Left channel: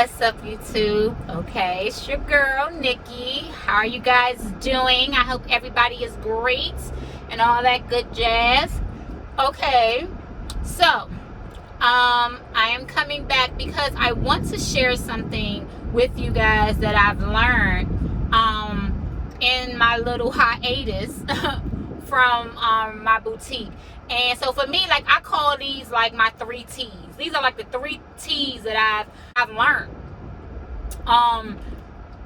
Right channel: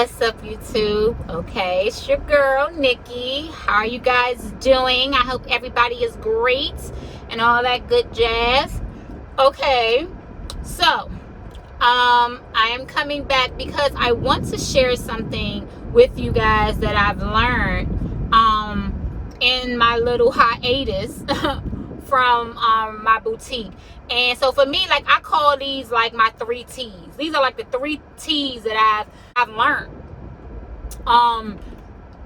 What's up, YouTube? Okay, it's your girl, Nikki. How are you guys doing? I hope everybody is great and all that good jazz. Okay, so I am coming back because I want to share something with you guys that I've learned in my little hiatus from my boutique. And so for me, like, I call these like my 3 T's. These are like the 3 T's that I've learned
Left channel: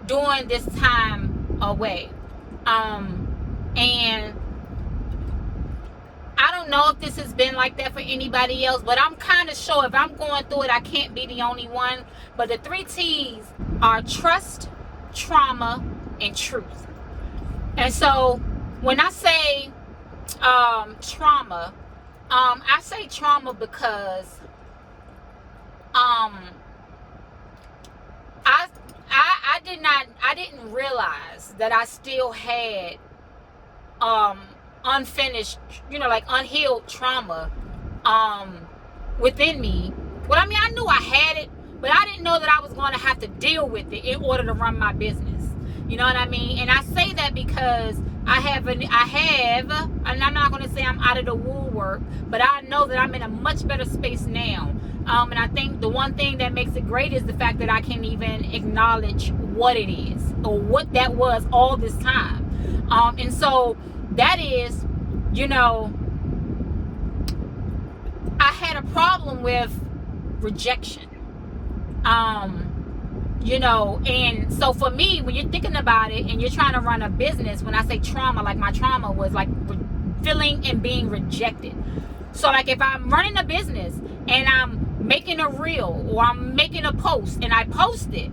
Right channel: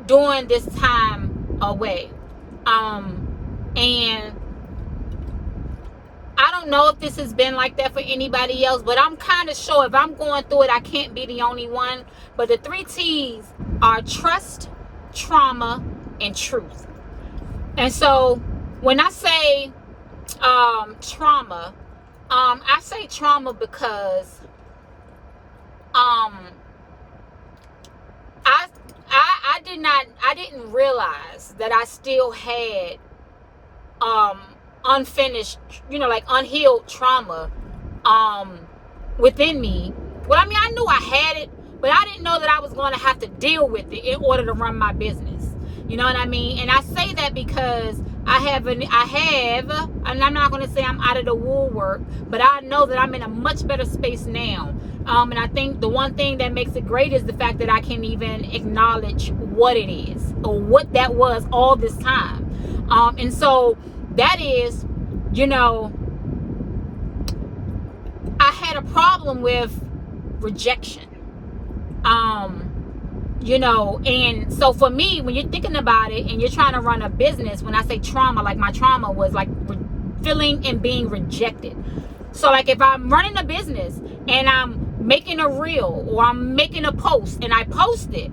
during this time away. And I don't know if this has been like that for anybody else, but I'm kind of sure if I'm going through it, I can't be the only one. But the 3 T's are trust, trauma, and truth. And so when I say trauma, I say trauma because I didn't realize that I still had unfinished, like unhealed trauma within me. Well, I mean, I knew I had it, but I didn't know that I was going to have to deal with it in order to run my business. You know what I mean? And I say that because and I'm not going to say I'm out of the woodwork, but I know that I'm in a much better space now. And I think the one thing that makes it great is the fact that I can even acknowledge what it is or what that was all this time. And so that is, I had a problem with rejection. And so for me, when you're thinking about it and you're trying to run a business, when I say trauma, like my trauma was like feeling and being rejected. So like if I'm running a business and I'm making a reel or I'm making a post and I post it,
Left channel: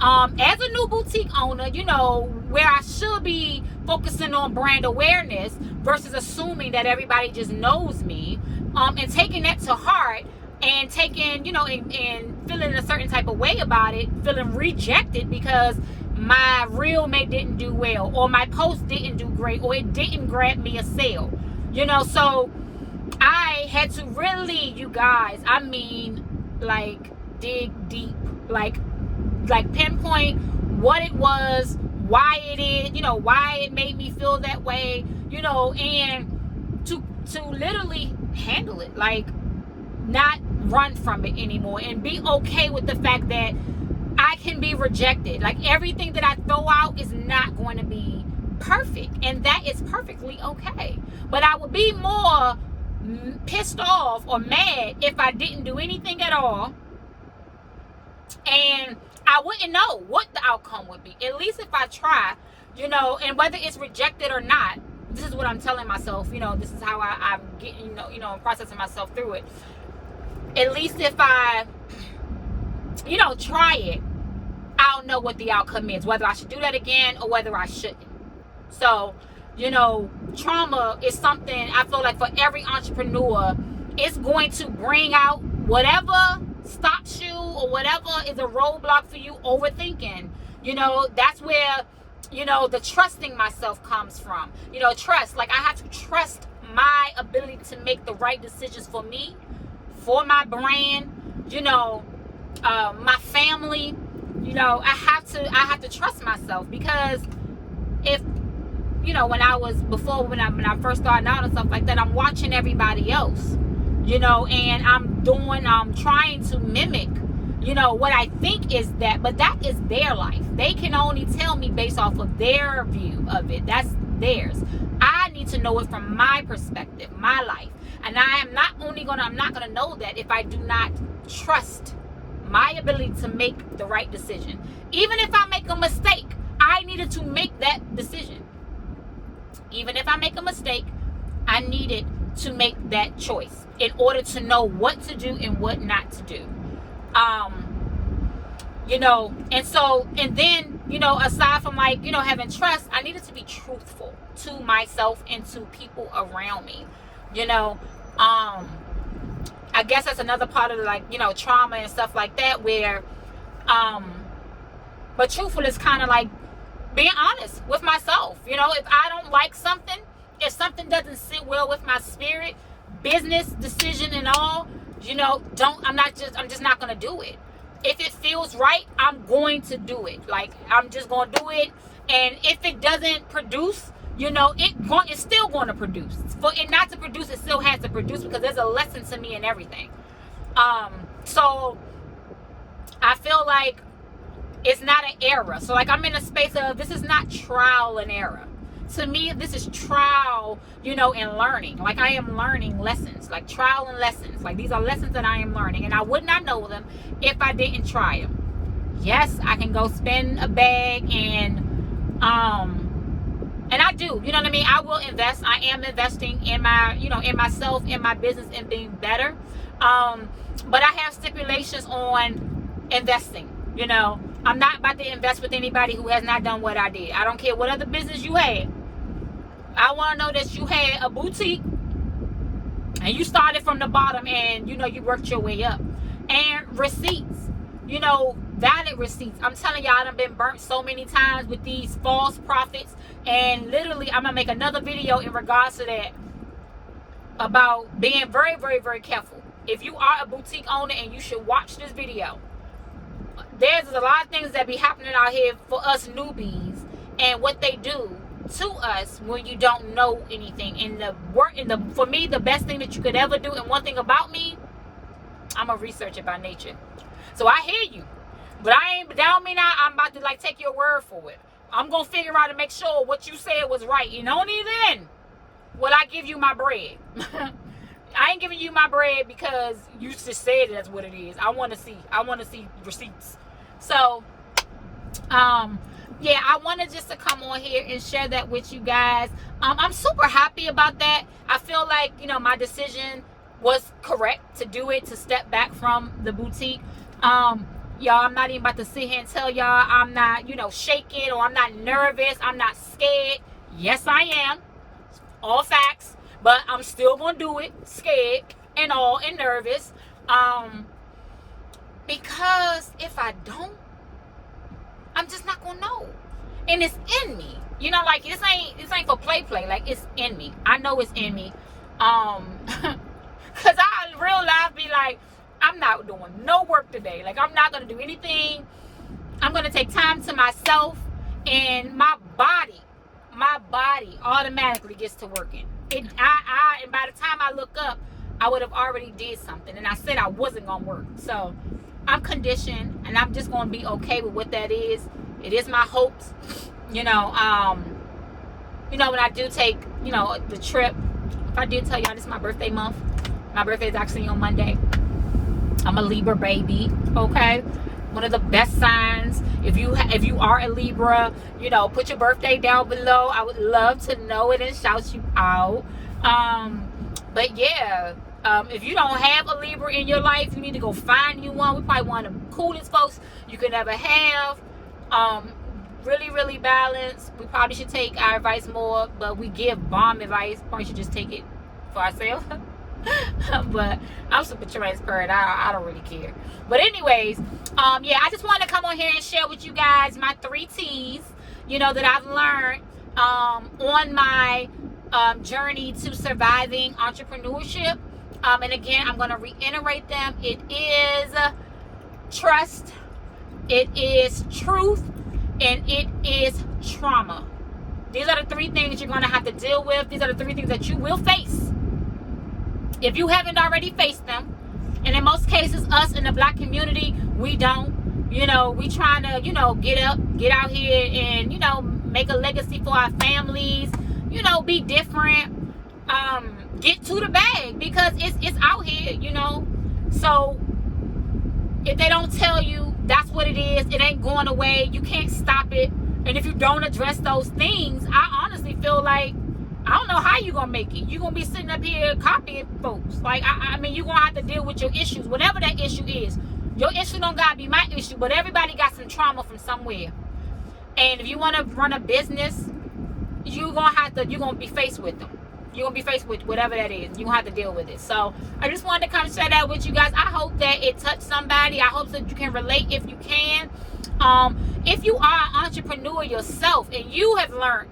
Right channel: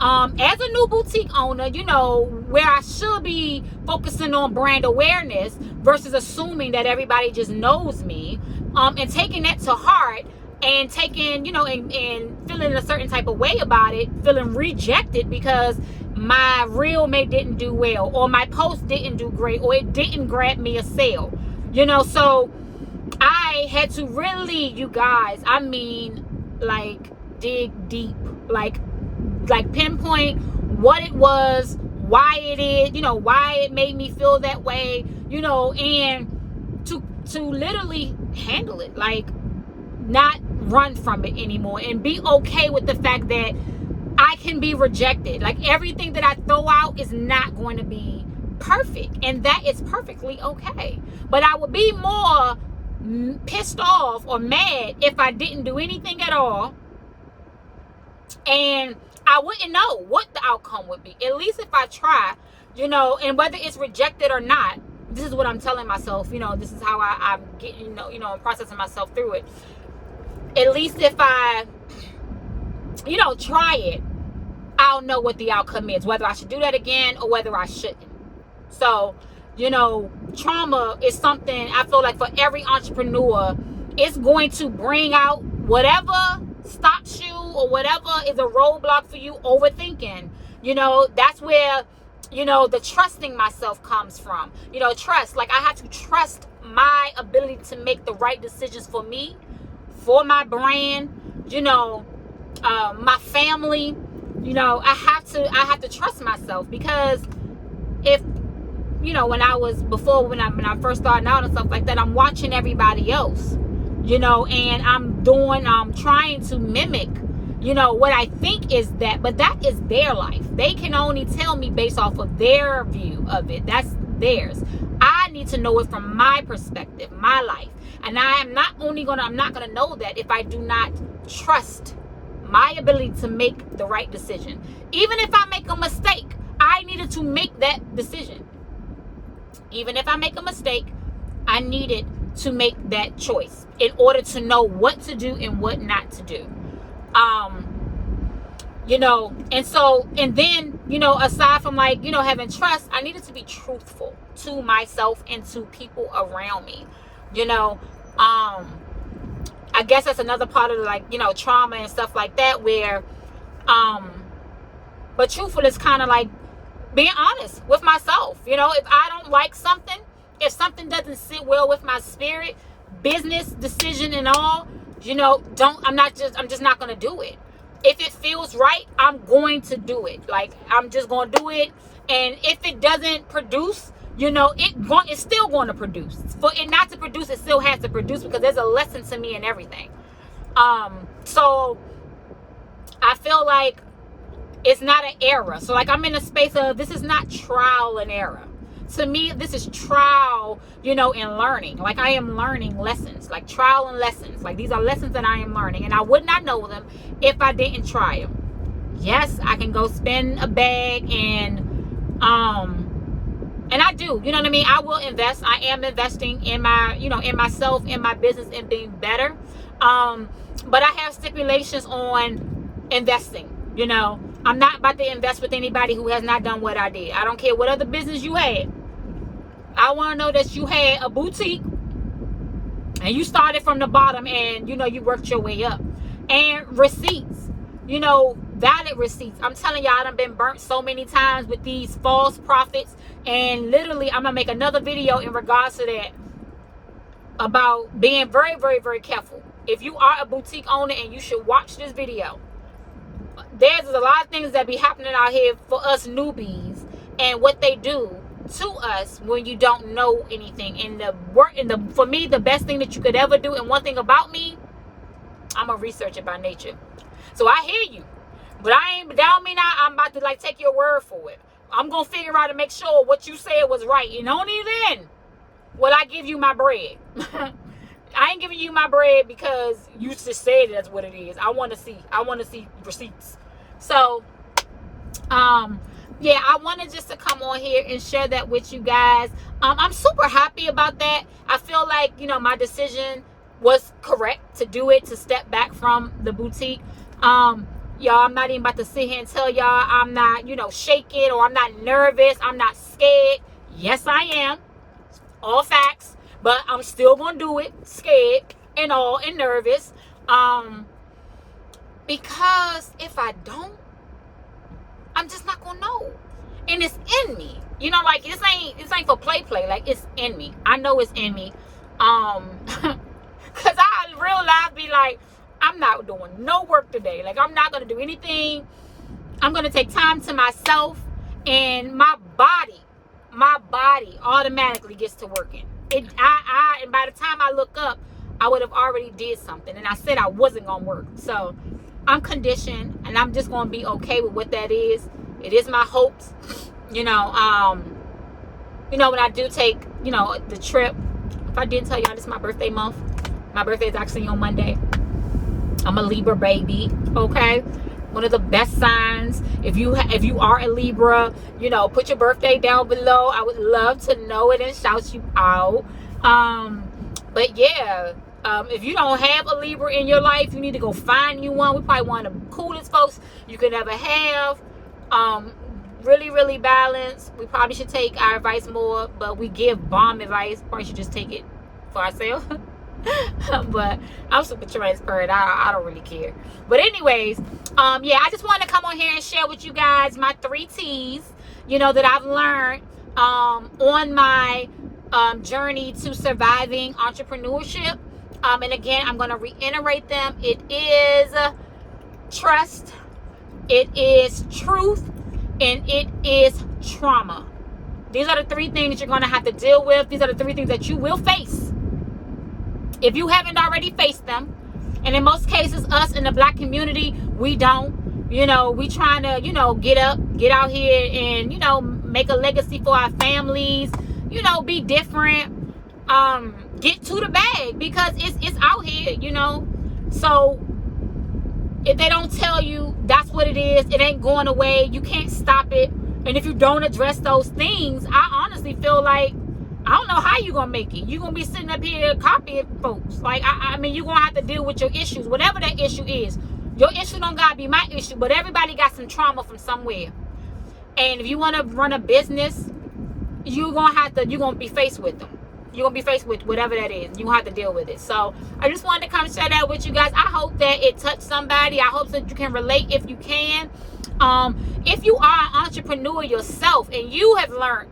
as a new boutique owner, where I should be focusing on brand awareness versus assuming that everybody just knows me, and taking that to heart and taking, and feeling a certain type of way about it, feeling rejected because my reel didn't do well, or my post didn't do great, or it didn't grab me a sale, so I had to really, you guys, I mean, like dig deep, like pinpoint what it was, why it is, why it made me feel that way, and to literally handle it, like not run from it anymore and be okay with the fact that I can be rejected. Like everything that I throw out is not going to be perfect, and that is perfectly okay. But I would be more pissed off or mad if I didn't do anything at all, and I wouldn't know what the outcome would be. At least if I try, and whether it's rejected or not, this is what I'm telling myself, this is how I'm getting, I'm processing myself through it. At least if I, try it, I'll know what the outcome is, whether I should do that again or whether I shouldn't. So, trauma is something I feel like for every entrepreneur, it's going to bring out whatever stops you or whatever is a roadblock for you, overthinking. That's where, the trusting myself comes from. Trust, like I have to trust my ability to make the right decisions for me, for my brand, my family. I have to trust myself, because if, when I first started out and stuff like that, I'm watching everybody else, and I'm trying to mimic, what I think is that, but that is their life. They can only tell me based off of their view of it. That's theirs. I need to know it from my perspective, my life. And I'm not gonna know that if I do not trust my ability to make the right decision. Even if I make a mistake, I needed to make that decision. Even if I make a mistake, I needed to make that choice in order to know what to do and what not to do. And then, aside from having trust, I needed to be truthful to myself and to people around me. I guess that's another part of trauma and stuff like that, where but truthful is kind of like being honest with myself. If I don't like something, if something doesn't sit well with my spirit, business decision and all, I'm just not gonna do it. If it feels right, I'm going to do it. Like, I'm just going to do it. And if it doesn't produce, it's still going to produce. For it not to produce, it still has to produce, because there's a lesson to me in everything. So I feel like it's not an error. So like, I'm in a space of, this is not trial and error. To me, this is trial, and learning. Like, I am learning lessons, like trial and lessons. Like, these are lessons that I am learning, and I would not know them if I didn't try them. Yes, I can go spend a bag and I do, you know what I mean? I will invest. I am investing in my, in myself, in my business, and being better. But I have stipulations on investing, I'm not about to invest with anybody who has not done what I did. I don't care what other business you had. I want to know that you had a boutique and you started from the bottom, and, you worked your way up. And receipts, valid receipts. I'm telling y'all, I done been burnt so many times with these false prophets. And literally, I'm going to make another video in regards to that, about being very, very, very careful. If you are a boutique owner, and you should watch this video, there's a lot of things that be happening out here for us newbies, and what they do to us when you don't know anything. For me, the best thing that you could ever do, and one thing about me, I'm a researcher by nature. So I hear you, but that don't mean I'm about to like take your word for it. I'm gonna figure out and make sure what you said was right, and only then will I give you my bread. I ain't giving you my bread because you just said that's what it is. I want to see receipts. So, yeah, I wanted just to come on here and share that with you guys. I'm super happy about that. I feel like, my decision was correct to do it, to step back from the boutique. Y'all, I'm not even about to sit here and tell y'all I'm not, shaking, or I'm not nervous. I'm not scared. Yes, I am. All facts. But I'm still going to do it, scared and all, and nervous. Because if I don't, I'm just not going to know. And it's in me. Like, this ain't for play. Like, it's in me. I know it's in me. Because I real life be like, I'm not doing no work today. Like, I'm not going to do anything. I'm going to take time to myself, and my body automatically gets to working. And by the time I look up, I would have already did something. And I said I wasn't going to work. So I'm conditioned, and I'm just going to be okay with what that is. It is my hopes. When I do take, the trip, if I did tell y'all, this is my birthday month. My birthday is actually on Monday. I'm a Libra baby, okay? One of the best signs. If you are a Libra, put your birthday down below. I would love to know it and shout you out. But yeah, if you don't have a Libra in your life, you need to go find you one. We're probably one of the coolest folks you could ever have. Really, really balanced. We probably should take our advice more, but we give bomb advice. Probably should just take it for ourselves. But I'm super transparent. I don't really care. But anyways, yeah, I just wanted to come on here and share with you guys my 3 T's, that I've learned on my journey to surviving entrepreneurship. And again, I'm going to reiterate them. It is trust, it is truth, and it is trauma. These are the 3 things you're going to have to deal with. These are the 3 things that you will face if you haven't already faced them. And in most cases, us in the Black community, we don't. We trying to, get out here and, make a legacy for our families, be different, get to the bag, because it's out here, So if they don't tell you that's what it is, it ain't going away, you can't stop it. And if you don't address those things, I honestly feel like, I don't know how you're going to make it. You're going to be sitting up here copying folks. Like, I mean, you're going to have to deal with your issues, whatever that issue is. Your issue don't got to be my issue, but everybody got some trauma from somewhere. And if you want to run a business, you're going to be faced with them. You're going to be faced with whatever that is. You're going to have to deal with it. So I just wanted to come share that with you guys. I hope that it touched somebody. I hope that you can relate if you can. If you are an entrepreneur yourself and you have learned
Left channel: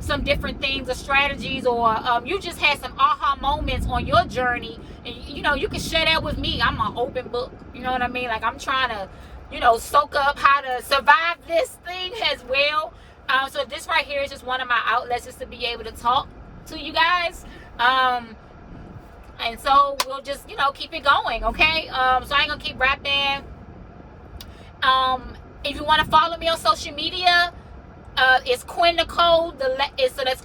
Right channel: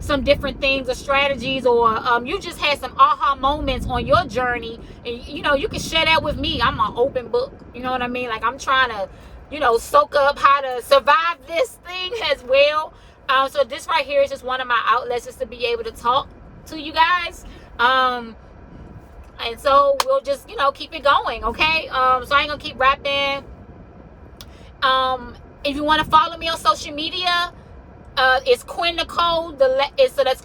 some different things or strategies, or you just had some aha moments on your journey, and you know, you can share that with me. I'm an open book, you know what I mean? Like, I'm trying to, you know, soak up how to survive this thing as well. So this right here is just one of my outlets, just to be able to talk to you guys. And so we'll just, you know, keep it going, okay? So I ain't gonna keep rapping. If you want to follow me on social media, it's Quinn Nicole. So that's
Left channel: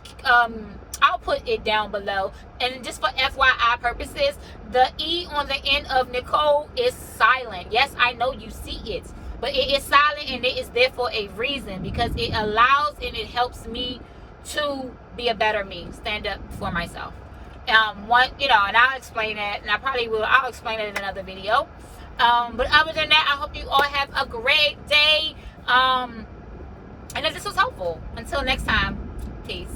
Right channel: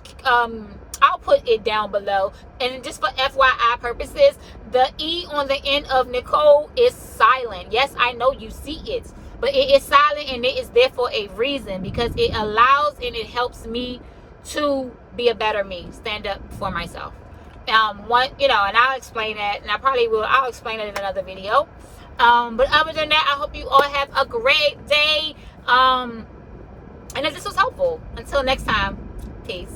I'll put it down below. And just for FYI purposes, the E on the end of Nicole is silent. Yes, I know you see it, but it is silent, and it is there for a reason, because it allows and it helps me to be a better me, stand up for myself. You know, and I'll explain that, and I'll explain it in another video. But other than that, I hope you all have a great day. And if this was helpful, until next time, peace.